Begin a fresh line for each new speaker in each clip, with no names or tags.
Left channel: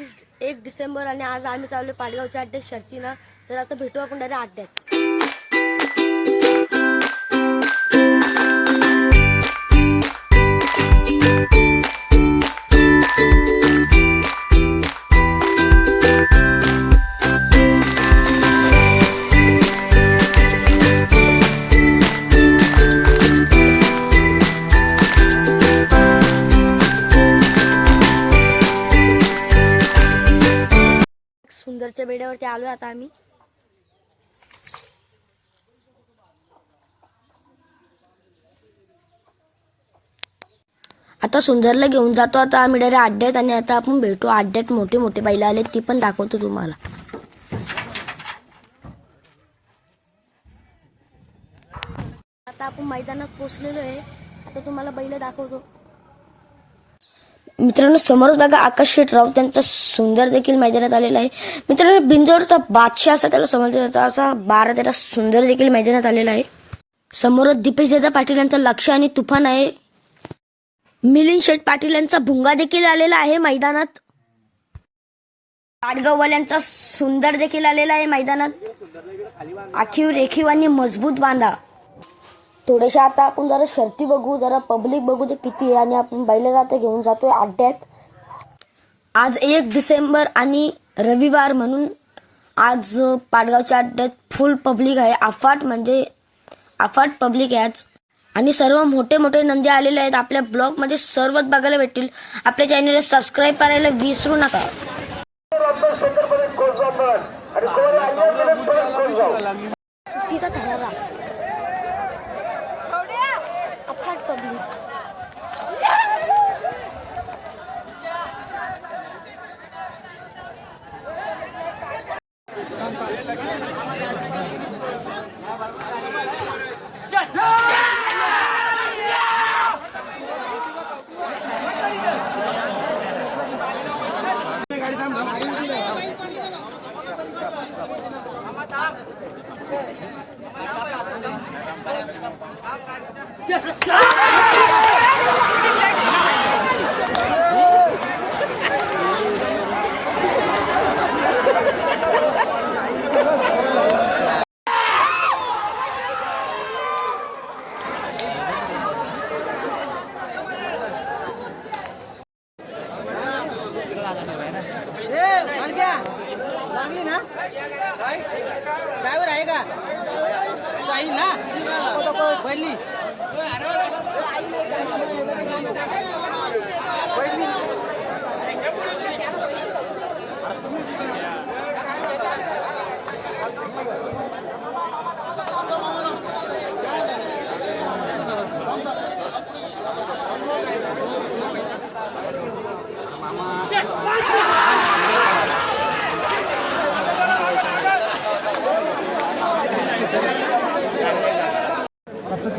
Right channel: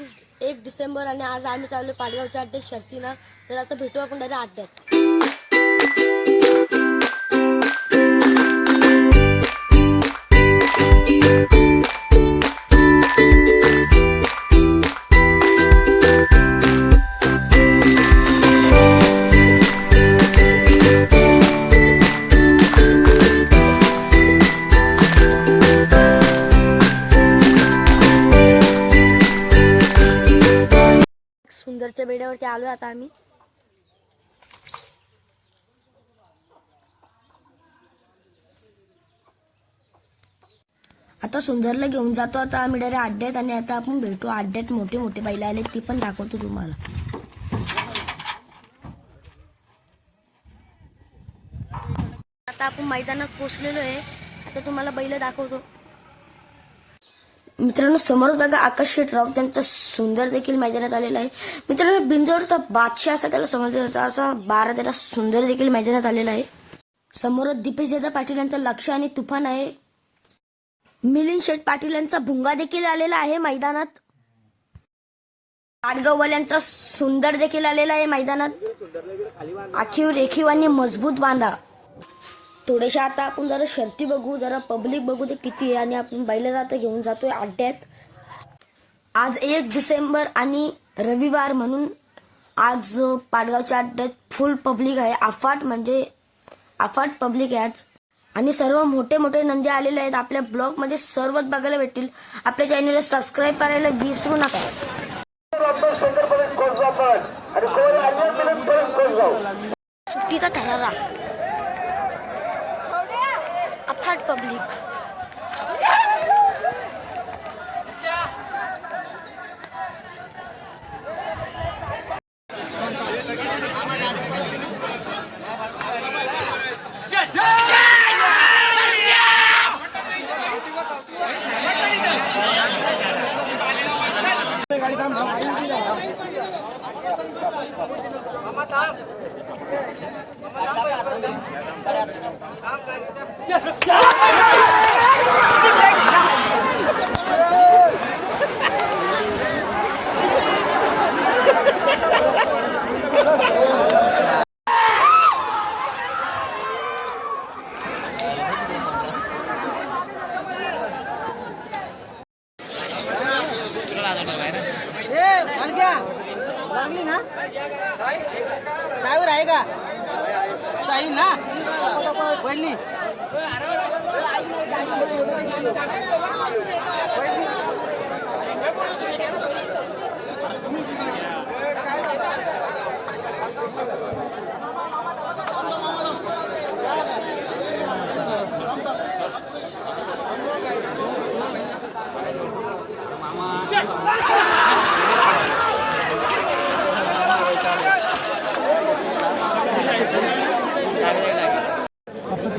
एकतीस एक डिसेंबर आणि आज आम्ही चाललो पाडगावच्या अड्ड्यात शर्तीनं. तर आता भेटू आपण डायरेक्ट अड्ड्यात सुंदरच्या बेड्यावरती आलो आता आम्ही. आता सुंदरला घेऊन जातो आता आम्ही डायरेक्ट अड्ड्यात आणि आता आपण भेटू. अड्ड्यात मोठे मोठे बैल आले ती पण दाखवतो तुम्हाला. आता आपण मैदानात पोचलेलो आहे. आता तुम्हाला बैल दाखवतो. मित्रांनो समोरच बघा आकाश शेटराव त्यांचा सुंदर देखील मैदानात आलेला आहे. मित्रांनो बिंजोडचा बादशाह असा त्याला समजला जातो. असा बारा तेरा सुंदर देखील मैदानात आलेला आहे. समोरच दीपेश दादा पाटील यांचा लक्ष आणि तुफान आहे. मिलिंद शेठ पाटील यांचा भुंगा देखील आलेला आहे मैदानात. यांचा सुंदर देखील आलेला आहे मैदानात. आखीव रेखीव आणि मजबूत बांधा. थोडेशा आता आपण जरा शर्ती बघू जरा पब्लिक बघू ते किती आहे आणि आपण बैलाला आता घेऊन जातोय अड्ड्यात. आज एक डिसेंबर आणि रविवार म्हणून आज पाडगावच्या अड्ड्यात फुल पब्लिक आहे. अफाट म्हणजे अफाट पब्लिक आहे आज. आणि सर्व मोठे मोठे नंदी आलेले आहेत. आपल्या ब्लॉगमध्ये सर्वच बघायला भेटतील. आपल्या चॅनलला सबस्क्राईब करायला विसरू नका. सुट्टीचा থার্ড পাবলিক Yeah! ठरारा अफाट पब्लिक
ड्रायव्हर आहे का साई ना वडली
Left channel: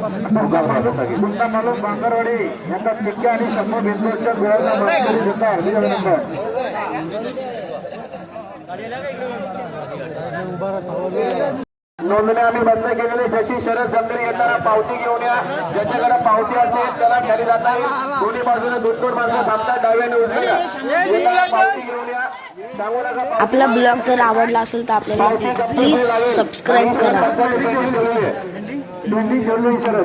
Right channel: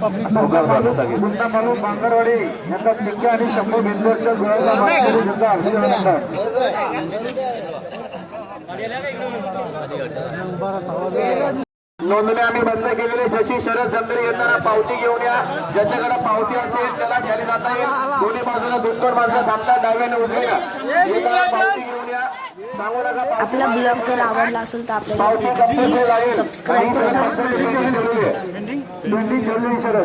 गुंडा मालू बांगरवाडी यांचा चिक्के आणि शंभर भिंतवरच्या गुळाचा मानकरी जनता हार्दिक अभिनंदन नोंदणी आम्ही बंद केलेली. जशी शरद संदरी येताना पावती घेऊन या ज्याच्याकडे पावती असेल त्याला खाली जाता येईल. दोन्ही बाजूला दुष्कर माणसं थांबतात डाव्याने उचलूया पावती घेऊन या. सांगू नका
आपला ब्लॉग जर आवडला असेल तर आपल्याला प्लीज सबस्क्राईब करा.